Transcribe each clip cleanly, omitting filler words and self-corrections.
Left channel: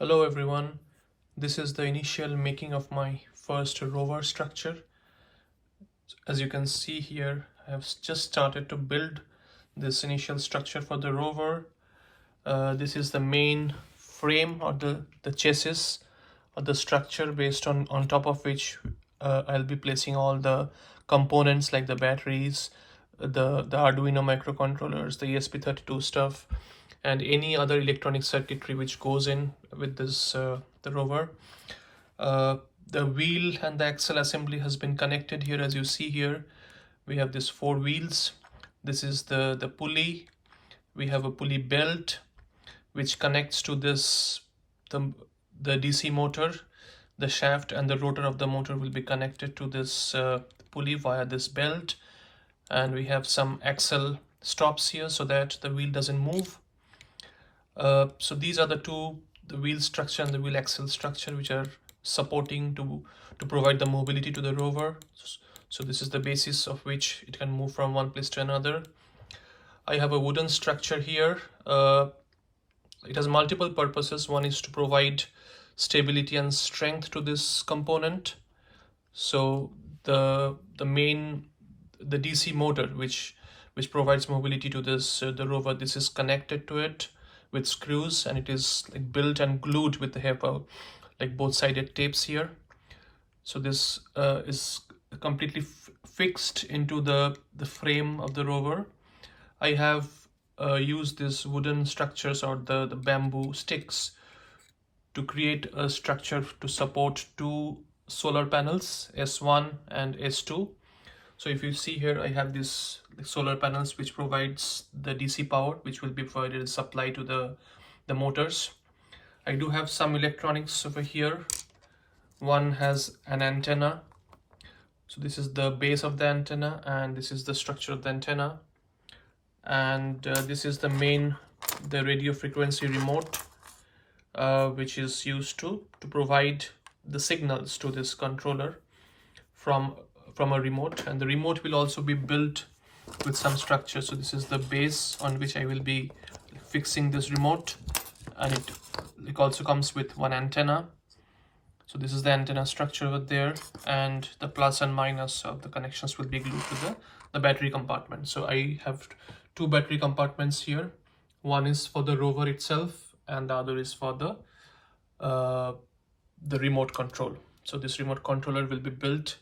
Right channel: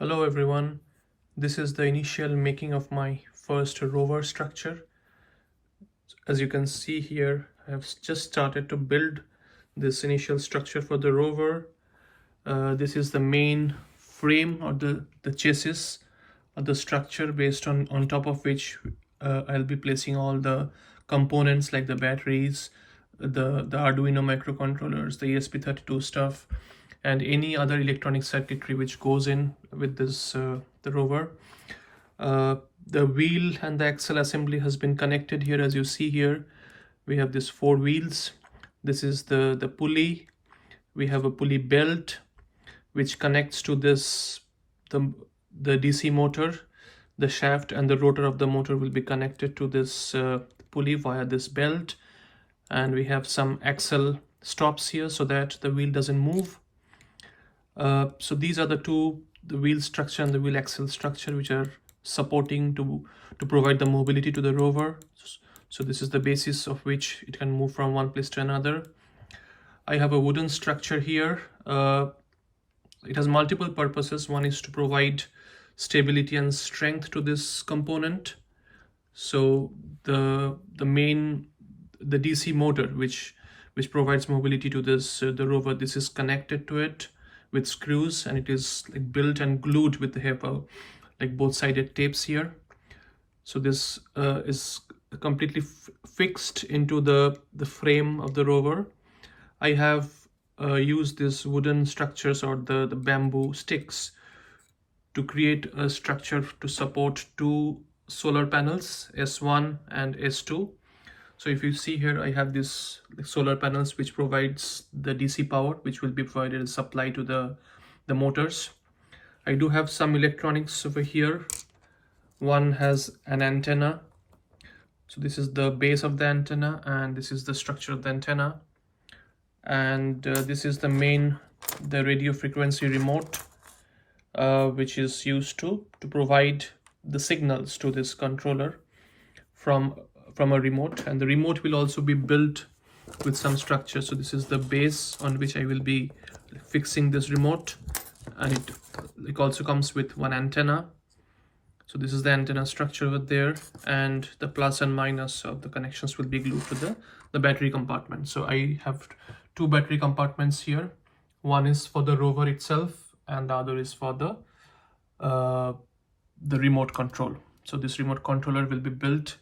Hello everyone, this is the initial making of my first rover structure. As you can see here, I have just started to build this initial structure for the rover. This is the main frame or the chassis of the structure based on top of which I'll be placing all the components like the batteries, the Arduino microcontrollers, the ESP32 stuff, and any other electronic circuitry which goes in with this the rover. The wheel and the axle assembly has been connected here. As you see here, we have these four wheels. This is the pulley. We have a pulley belt which connects to this the DC motor. The shaft and the rotor of the motor will be connected to this pulley via this belt, and we have some axle stops here so that the wheel doesn't move. So these are the wheel structure and the wheel axle structure which are supporting to provide the mobility to the rover. So this is the basis of which it can move from one place to another. I have a wooden structure here. It has multiple purposes. One is to provide stability and strength to this component. So the DC motor which provides mobility to this the rover, this is connected to it with screws, and it is like built and glued with the HEPA, like both sided tapes here. So this is completely fixed into the frame of the rover. I have used these wooden structures or the bamboo sticks to create a structure to support two solar panels, S1 and S2. So if you see here, I have these solar panels which provides the DC power which will be provided as supply to the motors. I do have some electronics over here. One has an antenna. So this is the base of the antenna, and this is the structure of the antenna. And this is the radio frequency remote, which is used to provide the signals to this controller from a remote, and the remote will also be built with some structure. So this is the base on which I will be fixing this remote, and it also comes with one antenna. So this is the antenna structure over there, and the plus and minus of the connections will be glued to the battery compartment. So I have two battery compartments here. One is for the rover itself, and the other is for the remote control. So this remote controller will be built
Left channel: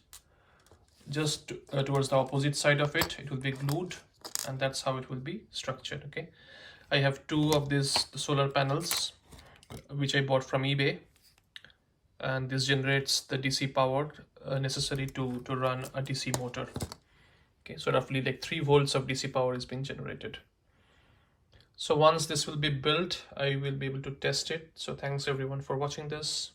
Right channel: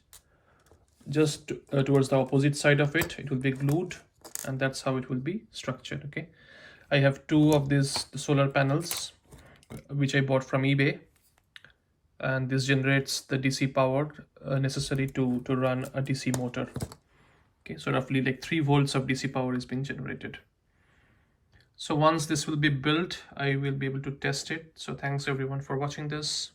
just towards the opposite side of it. It will be glued, and that's how it will be structured. Okay, I have two of these solar panels which I bought from eBay, and this generates the DC power necessary to run a DC motor. Okay, so roughly like 3 volts of DC power is being generated. So once this will be built, I will be able to test it. So thanks everyone for watching this.